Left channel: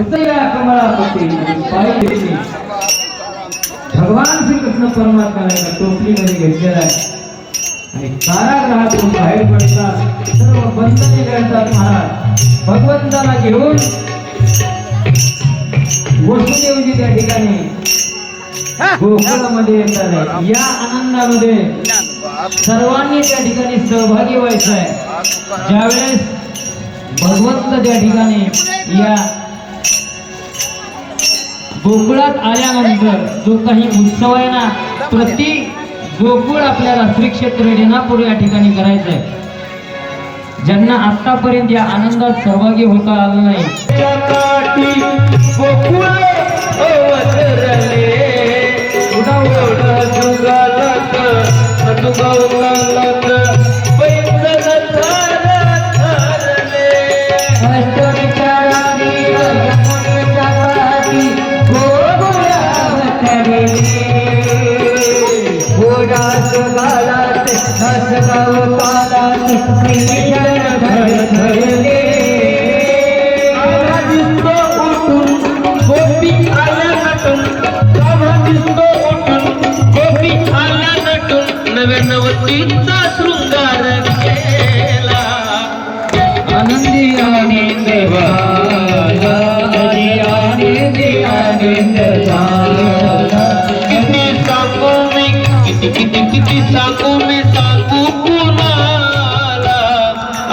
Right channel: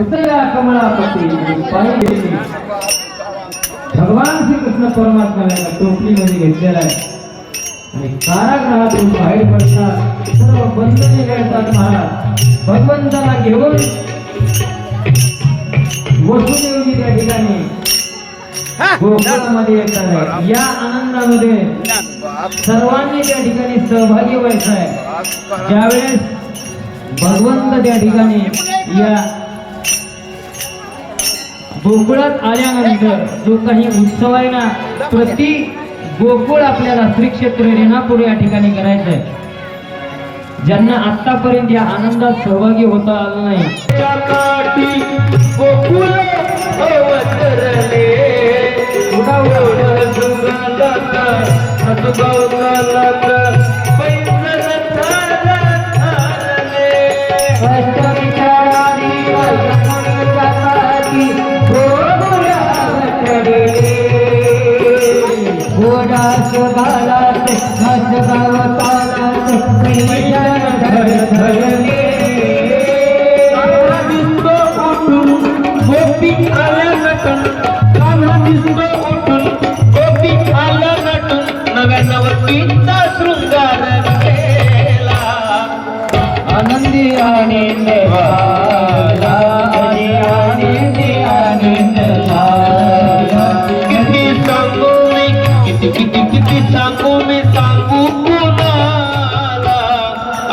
उतया कमलापती पाणी घेतली. भगवान श्रीकृष्ण परमात्माने टोपलीमध्ये घेतलेला आहे आणि कारागृहातून बाहेर पडतात. सर्व बंधने करतात महाराज. भगवंताला घेऊन वसुदेवजी त्या ठिकाणी गोकुळामध्ये येतात आहे. या आनंदामध्ये सर्वांनी त्या ठिकाणी सहभागी व्हायचं आहे. ज्यावेळेस भगवंत त्या ठिकाणी या गोकुळात आल्यानंतर जो काही उत्सव आहे ना, प्रति गोकुळ आपल्याला श्री क्षेत्र रेणापूर या ठिकाणी करायचंय. ज्यांना आतापर्यंत या आनंदात सहभागी होता आलं नाही,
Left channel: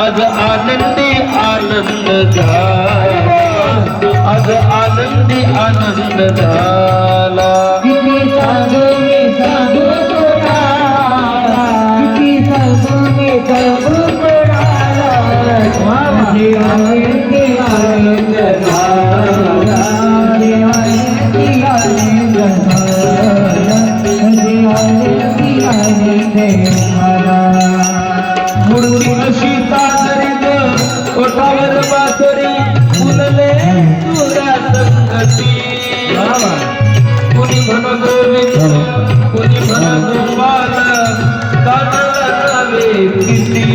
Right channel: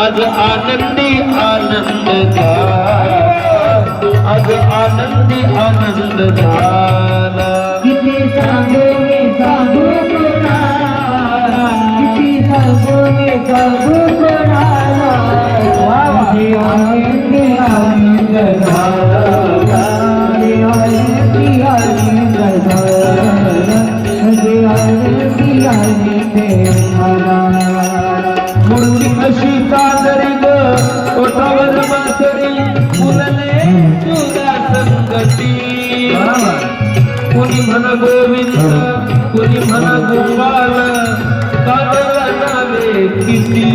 आज आनंदी आनंद झाला. आज आनंदी आनंद झाला. किती सांगू मी सांगू कोणाला, किती सांगू मी सांगू कोणाला. आनंदी आनंद झाला, आनंदी आनंद झाला, आनंदी आनंद झाला. मुरली अशी सादरी ग ओठावर बासरी फुलले तुला संगती. कोणी म्हणा गोविंद कोणी म्हणा गोपाल कानाला नावे किती.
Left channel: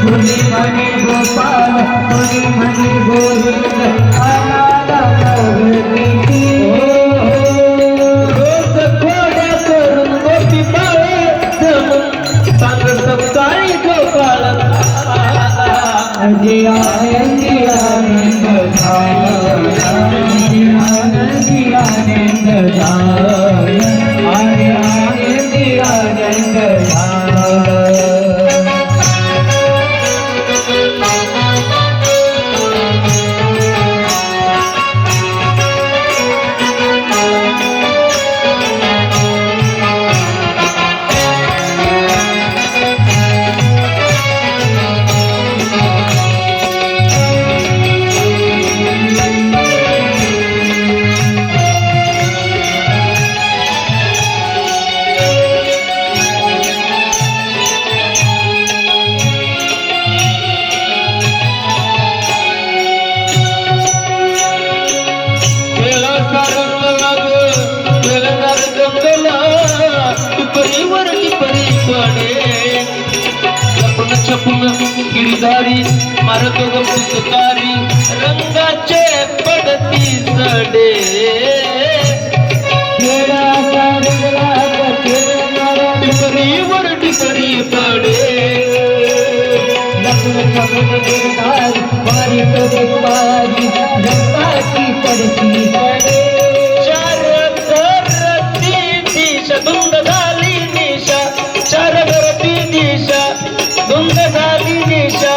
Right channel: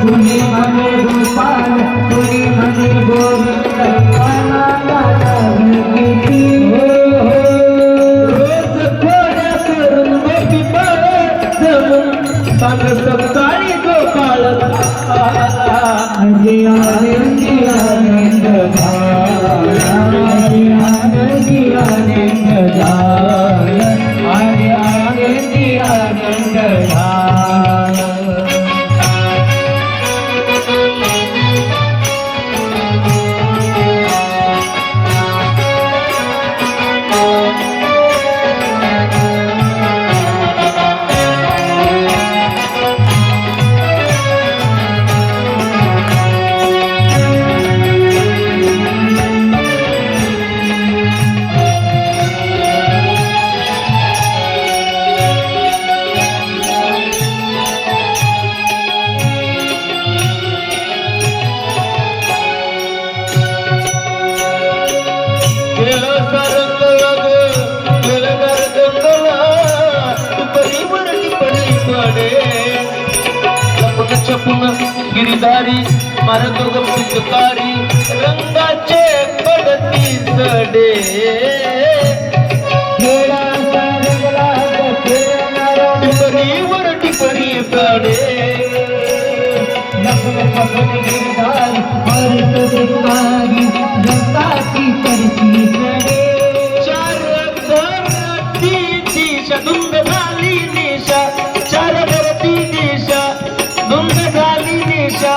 कोणी म्हणे गोपाल कोणी म्हणे गोविंद चपून गिरधारी मारतो ग पुचकारी रंगाचे पडती जडे. टिपरीवर टिपरी पाडे. चार धरती दिशा धुंद झाली निशा. चार धरती दिशा धुंद झाली निशा.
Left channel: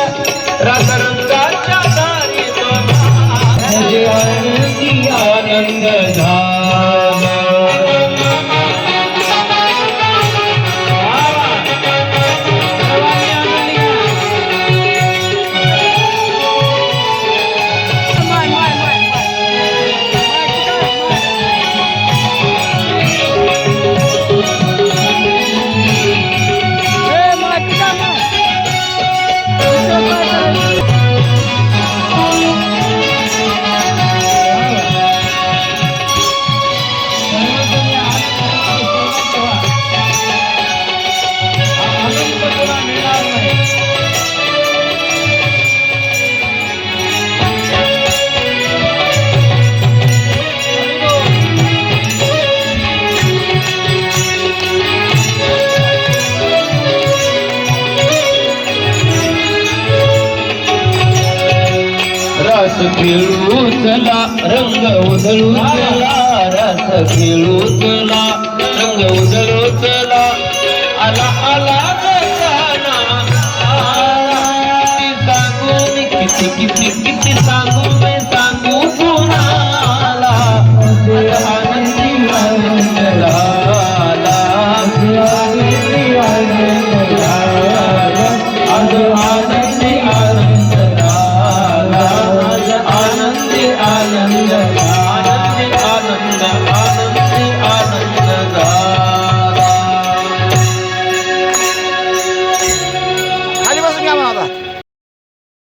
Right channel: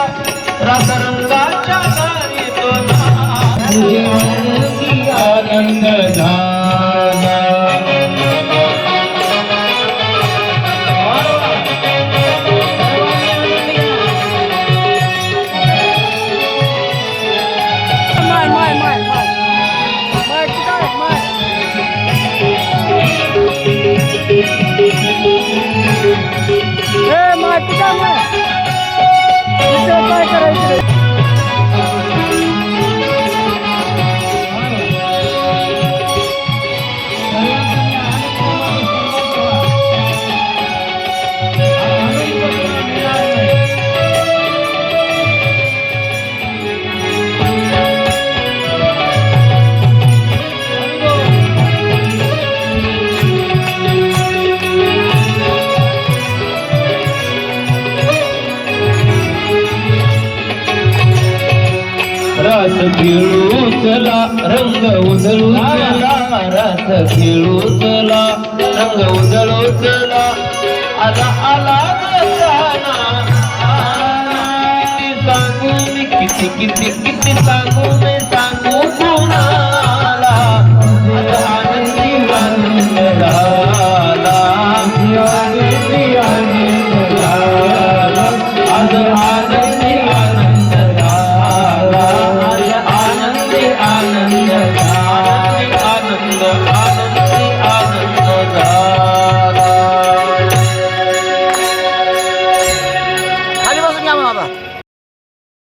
राधा रंगाच्या दारी आनंद झाला. खेळू चला रंग उधळू चला रस खेळू चला रंग उधळू चला आला आला किती सांगू मी किती सांगू मी सांगू कुणाला आनंदी आनंद झाला आनंदी आनंद झाला आज आनंदी आनंद झाला आज आनंदी आनंद झाला आनंदी आनंद झाला खाली बसून घ्या म्हणा आता